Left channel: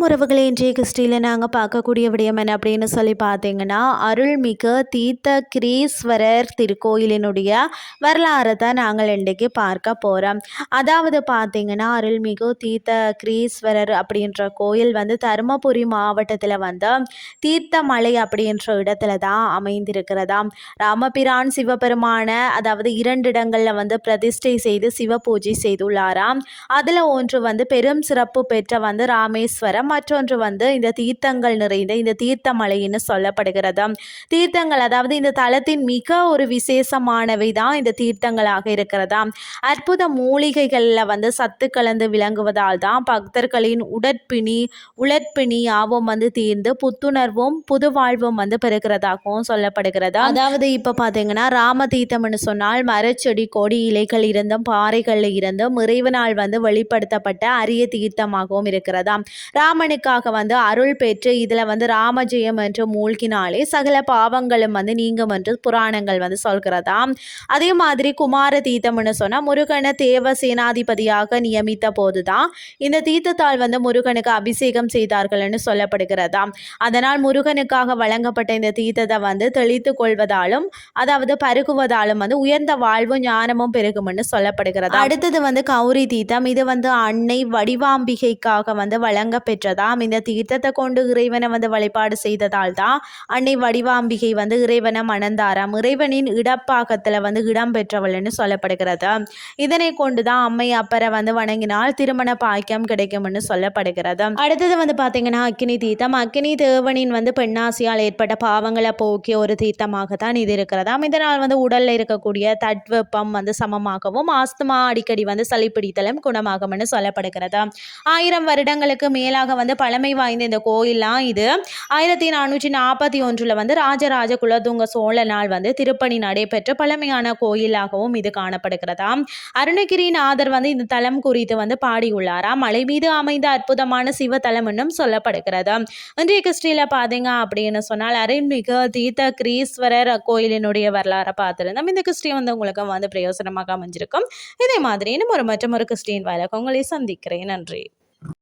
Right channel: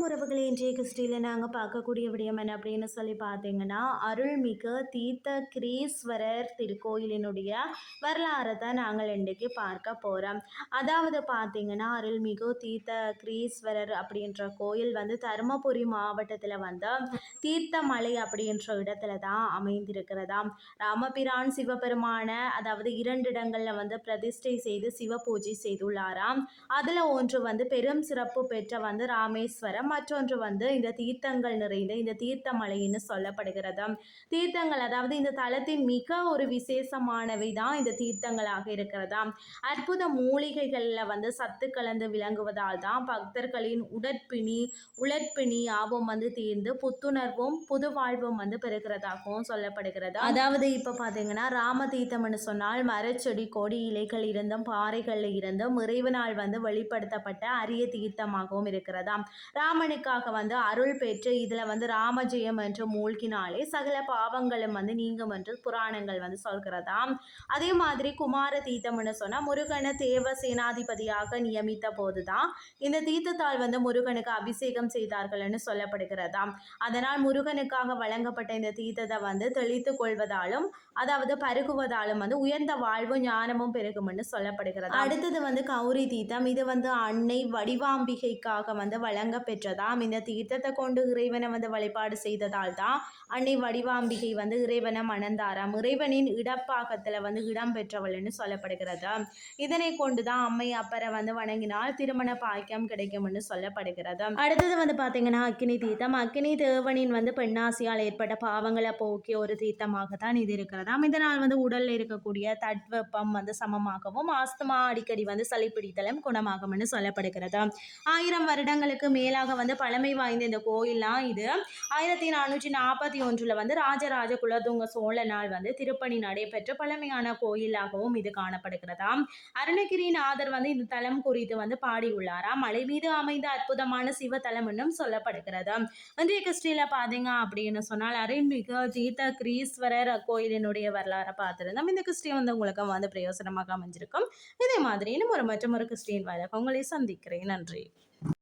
உறவுகளை இன்றைய கிறிஸ்டியில் நாங்கள் பார்க்கக்கூடிய விடயம் என்ன அப்படின்னு சொல்லி பார்த்தீங்கன்னா அருள்மிகு தீர்த்த கிரீஸ்வரர் திருக்கோயிலினுடைய வரலாறை தான் நாங்கள் இன்றைக்கு பார்க்க போகிறோம் அதாவது பார்த்தீங்கன்னா அருள்மிகு தீர்த்த கிரீஸ்வரர் அப்படின்ற கோயில் வந்து தருமபுரி மாவட்டத்தில் வந்து தீர்த்தமலை அப்படின்ற இடத்துல தான் அமைந்திருக்கிறதாம் ராமபிரான் சிவபெருமான அதாவது இரண்டு இடங்களில் வந்து பிரதிஷ்டை செய்து சிவ பூஜை செய்துள்ளாராம். அதில் ஒன்று வந்து பெரும் சிறப்பு பெற்ற வந்து ராமேஸ்வரம் மற்றொன்று வந்து இந்த தீர்த்தங்கள் நிறைந்த இந்த தீர்த்தமலைன்னு சொல்லப்படுகிறது. தீர்த்தங்கள் அதாவது இந்த தலத்தின் மிக ஒரு விசேஷமானவை தான் இந்த தீர்த்தங்களாக இருக்கிறதா? அற்புத மூலிகைகளில் வந்து சத்து கலந்து விளங்குவதால் தான் பக்தர்களின் உடற்பிணி உழற்பிணி ஆவம் வந்து தீர்ந்து புத்துணர்வும் புது வாழ்வும் வந்து பெறுகிறதாகவும் சொல்லப்படுகிறது. அதாவது இப்போ பார்த்தீங்கன்னா ராம தீர்த்தம்னு சொன்னால் மரச்செடி கொடி இலைகள் இருந்தும் பாறைகளில் இருந்தும் இறைவனால் வந்து வெளிப்படுத்தப்பட்ட அரிய தீர்த்தமாகவும் இருக்கிறதாம் ராமனுக்காக வந்து அருள் பெற்று இதில் வந்து ராமஜெயம் என்று மூழ்கினாலே சகல பாவங்களும் வந்து நீங்கும் என்று புராணங்கள் வந்து சொல்கிறதாம் அதே மாதிரி குமார தீர்த்தம்னு சொன்னால் முருகனை தேவ சேனாதிபதியாக நியமித்த போது தான் இந்த தீர்த்தத்தால் வந்து முருகனுக்கு அபிஷேகம் செய்தார்கள்னு சொல்லப்படுகிறதாம் அதனால் முருகனுக்காக வழங்கப்பட்ட இந்த தீர்த்தத்தை வந்து தெளித்து கொள்வதாலும் அதாவது பருகுவதாலும் வந்து உயர்ந்த வாழ்வும் ஞானமும் பெருகும்னு சொல்லப்படுகிறது? அடுத்தது வந்து கௌரி தீர்த்தம். இது வந்து அன்னை வடிவாம்பிகைக்காக வந்து வழங்க பெற்றதாம் இந்த தீர்த்தத்தை கொண்டு இறைவனை வந்து வழிபாடு செய்ததால் தான் அன்னை வடிவாம்பிகை வந்து இறைவனை மணந்தாராம். இறைவனின் இடப்பாக்கத்தில் வந்து இடம் பெற்றவள்னு சொல்லப்படுகிறது. இதனை கொண்டு தான் அம்மை அப்பரை வந்து வணங்கினால் திருமண பாக்கியம் கிடைக்கும்னு சொல்லப்படுகிறது. அடுத்தது வந்து பார்த்தீங்கன்னா அக்கினி தீர்த்தம். அக்கினி தேவனின் வந்து பெண்ணாசியால் ஏற்பட்ட பாவங்களை போக்கிய ஒரு தீர்த்தமாக தான் இது இருக்கிறதாம் இதனால் வந்து உடலில் இருக்கக்கூடிய தட்வெப்பம் வந்து சமமாகவும் ஆஸ்துமா அடிக்கடி வந்து சளி பிடித்தலும் குணமாகும்னு சொல்லப்படுகிறது. ஆயிரம் வருடங்களுக்கு மேலாக வந்து பழமை வாய்ந்த இந்த கோயிலாம் இது. ஆயிரத்தி நானூற்றி நாற்பத்தி ஒன்றில் வந்து ராஜராஜ குலதுங்க சோழனால் வந்து திருப்பணி நடைபெற்ற பழமையான கோயிலாகவும் இது காணப்படுகிறதாம் அருணகிரிநாதர் வந்து இந்த தலம் குறித்து வந்து பாடியுள்ளாராம் மலை மீது அமைந்த அற்புதமான சிவ தலம் என்னும் சொல்லப்படுகிறது. இன்றைய கிறிஸ்டியில் பார்த்தீங்க அப்படின்னு சொன்னால் அருள்மிகு தீர்த்த கிரீஸ்வரர் கோயிலினுடைய வரலாறை பார்த்துருந்தோம். இந்த கிறிஸ்டின் வந்து உங்களுக்கு வந்து பிரயோசனமாக அமைஞ்சிருக்கும். இதே மாதிரி இன்னும் ஒரு மற்றும் ஒரு கிறிஸ்டின் வழக்கு உங்களை சந்திக்கிறேன். நன்றி.